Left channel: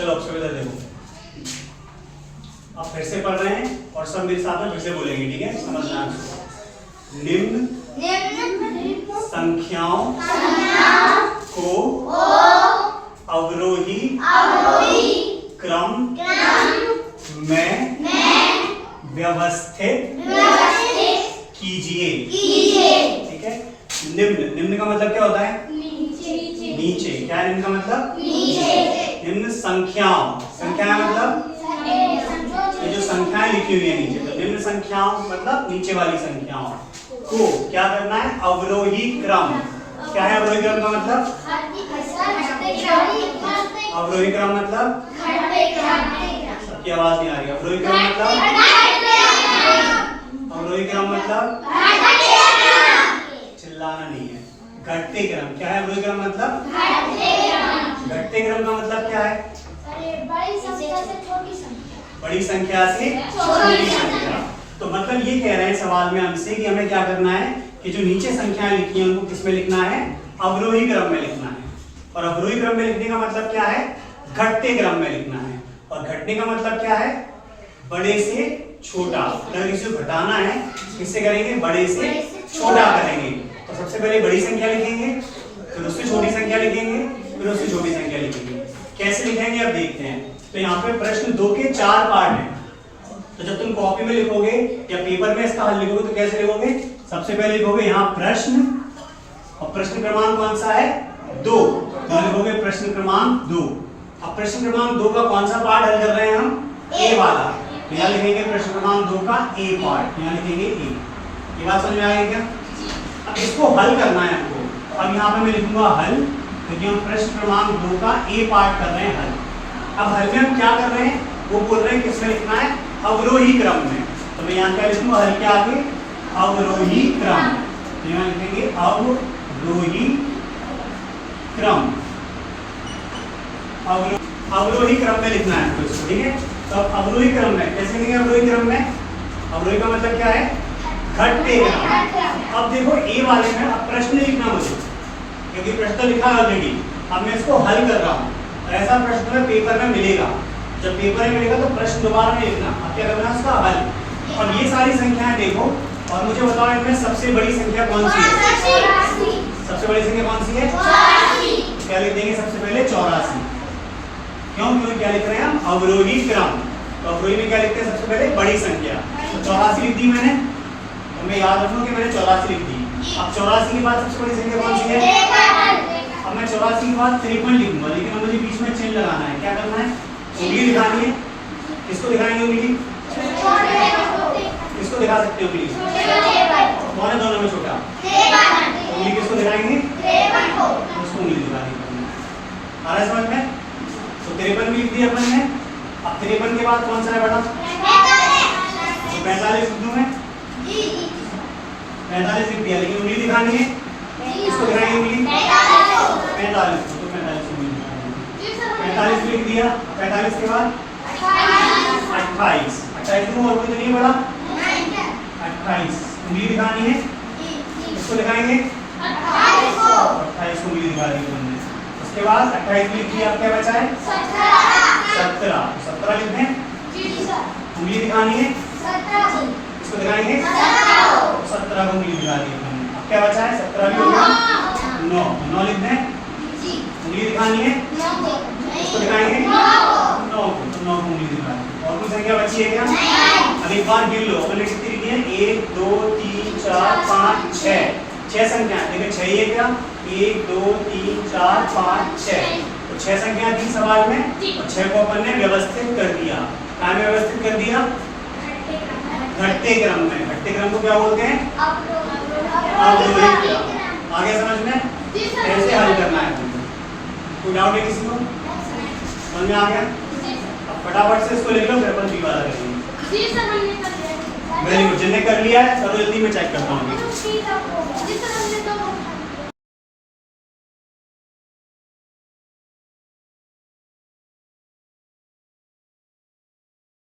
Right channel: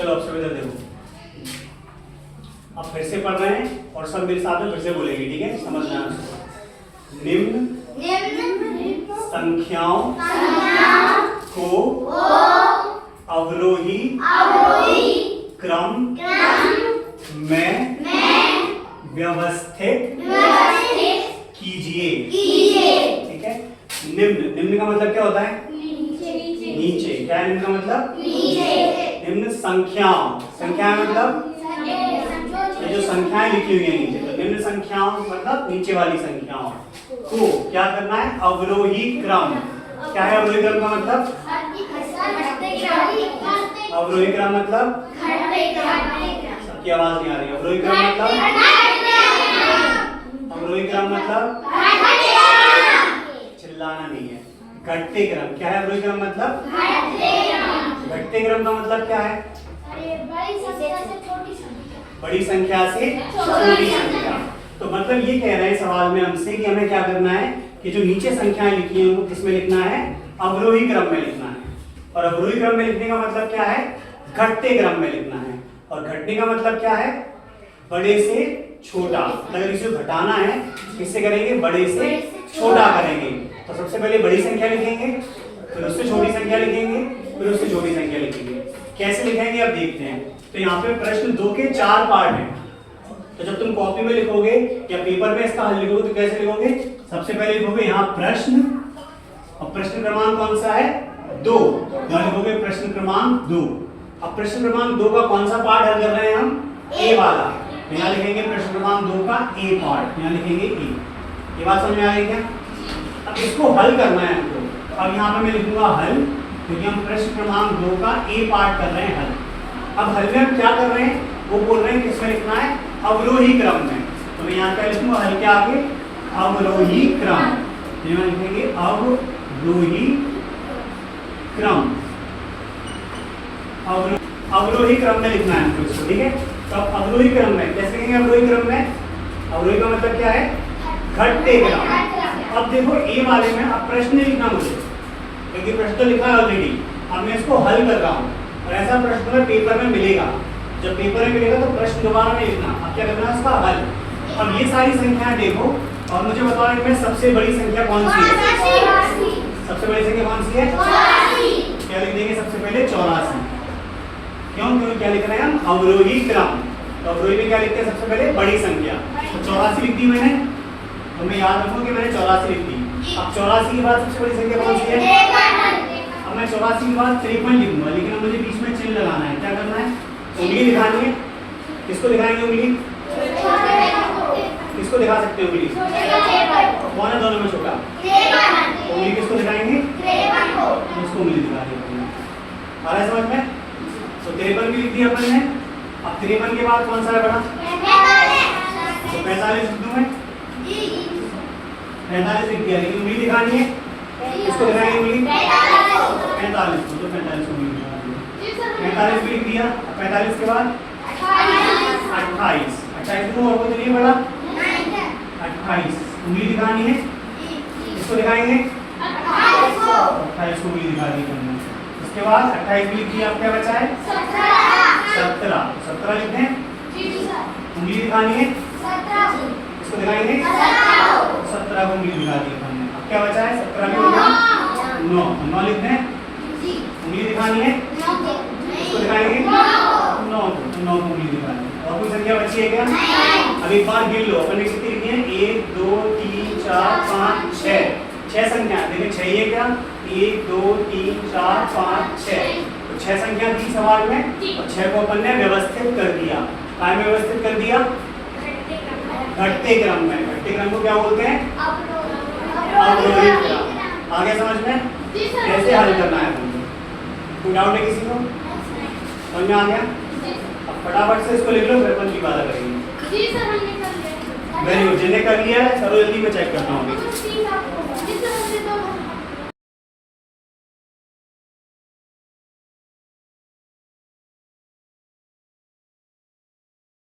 चलो अब से देखो, अब फिर से पढ़ रहे हैं और सब मेरे साथ में फिर से बोलेंगे, ठीक है? समझना है। निम्न संख्याओं को अवरोही क्रम में व्यवस्थित कीजिए। ठीक है? निम्न का मतलब क्या होता है? नीचे। क्या है निम्न का मतलब? निम्न संख्याओं मतलब ये जो संख्याएं लिखी हुई है नीचे, तो निम्न संख्याओं मतलब नीचे वाली संख्याओं को क्या करना है? अवरोही क्रम। क्या है अवरोही क्रम का मतलब? अवरोही क्रम मतलब सबकी आवाज नहीं आ रही। अवरोही क्रम मतलब चिल्लाना नहीं है। घटते क्रम। क्या है अवरोही क्रम मतलब? घटते क्रम का मतलब क्या है? बड़ी संख्या से छोटी संख्या। तो मतलब ये कह रहे हैं सवाल में हमसे कि हमें क्या करना है कि जो नीचे संख्याएं लिखी हैं उनको किस में लिखना है? अवरोही क्रम में लिखना है। और अवरोही क्रम में लिखने का मतलब क्या है? घटते क्रम में लिखना है। और घटने का मतलब क्या है? बड़े से छोटा। अगर इसे घटाना है किससे करेंगे? बड़े से छोटा करेंगे। तो सबसे पहले बड़ी संख्या लिखेंगे, फिर उससे छोटी संख्या लिखेंगे, फिर उससे छोटी संख्या लिखेंगे। कैसे लिखेंगे अब देखते हैं। तो यहाँ पे प्रश्न 2 के 4 पार्ट हैं। तो जब तुम कॉपी में लिखोगे या पेपर में इसका हल लिखोगे तो कैसे लिखोगे? सबसे पहले लिखोगे यहाँ प्रश्न, और प्रश्न क्रमांक कौन सा है? 2। यहाँ लिखोगे प्रश्न क्रमांक 2। अब प्रश्न क्रमांक 2 का कौन सा पार्ट हल कर रहे हैं हम? ए वाला। तो यहाँ लिखेंगे प्रश्न क्रमांक 2 का ए पार्ट। यहाँ लिखेंगे ए। ये बात समझ में आ गई क्या? अब इसको हल करना है हमको। अब यहाँ पे मैं लिखूंगा हल, क्योंकि हम प्रश्न क्रमांक 2 का ए पार्ट कर रहे हैं हल। अब हल में हम क्या कर रहे हैं? वो बोल रहे हैं किसमें लिखना है? अवरोही क्रम में। तो मैं यहाँ पे लिखूंगा हल के आगे अवरोही क्रम। तो यहाँ लिखेंगे अवरोही क्रम। अवरोही क्रम में लिखना है हमको इसको, ठीक है? तो अब अवरोही क्रम में कैसे लिखेंगे? अवरोही क्रम में अवरोही का मतलब क्या है? घटते क्रम। अब देखो ए वाले में अब प्रश्न लिखना मुझे, क्योंकि प्रश्न तो लिखा है ऑलरेडी। अब मैं इसको हल कर रहा हूँ और ऐसा प्रश्न में पेपर में मिलेगा। जब पेपर में मिलेगा तो प्रश्न दोबारा नहीं लिखना। अब क्या करना है? उसका हल। अब ये सारी संख्याएं देखो और मुझे बताओ इनमें सबसे बड़ी संख्या कौन सी है? सबसे बड़ी संख्या कौन सी है? क्या लिख देंगे सबसे पहले? 84। क्यों? क्योंकि क्या लिख रहे हैं हम? अवरोही क्रम। तो अवरोही में क्या लिखते हैं? सबसे पहले बड़ी संख्या। तो 84 लिख दी मैंने। तो मैं याद रखूं कि मैंने 84 लिख दी। अब 84 के बाद सबसे बड़ी संख्या कौन सी है? अब मैं 84 के बाद 53 लिखूंगा, लेकिन अब मुझे बीच में चिन्ह लगाना है। क्या करना है? उंगली दिखानी है। किसको दिखाएंगे उंगली? किसको दिखा सकते हो उंगली? कौन है दोनों में छोटा? उंगली किसको दिखाएंगे? उसको उंगली दिखानी है। आ रहा है समझ में? तो 53 भी लिख दिया अपन ने। अब 53 के बाद कौन सा है बड़ा? 45 लिख दूं मैं। 45 लिख दिया, लेकिन उंगली दिखानी है। किसको दिखाएंगे उंगली? 45 को। तो 45 उंगली दिखानी है। 45 भी लिख दिया। 45 के बाद 28 को और कोई नहीं बड़ा? 28 उंगली दिखानी है। किसको दिखाएंगे? 28 को उंगली दिखानी है तुमने। उसके बाद 28 भी लिख दिया। अब क्या बचा है? 17 लिख दें। उंगली दिखानी है। किसको दिखाएंगे? 17 को उंगली दिखा दी हमने। अब क्या बचा है? 17 भी हो गया। 9 लिख दें। उंगली दिखानी है। किसको दिखाएंगे? 9 को उंगली दिखा दी। और कोई संख्या बची है क्या? अब एक बार गिन लो। अपन ने कितनी लिखी है? 1 2 3 4 5 6 संख्या। देखिए 6 ये क्या? 1 2 3 4 5 6। तो 6 संख्या थी सवाल में और 6 को अपन ने व्यवस्थित कर दिया। कहाँ में व्यवस्थित कर दिया? घटते क्रम में। घटते क्रम को क्या बोलते हैं? अवरोही क्रम। आ गया समझ में? कैसे हल करना है तुमको? कोई डाउट है किसी को? समझ में आ गया? अब फटाफट से इसको लिख लो, फिर अपन जी वाला करेंगे। Very good. जिन्हें कर लिया है सब जल्दी में चेक करता हूँ।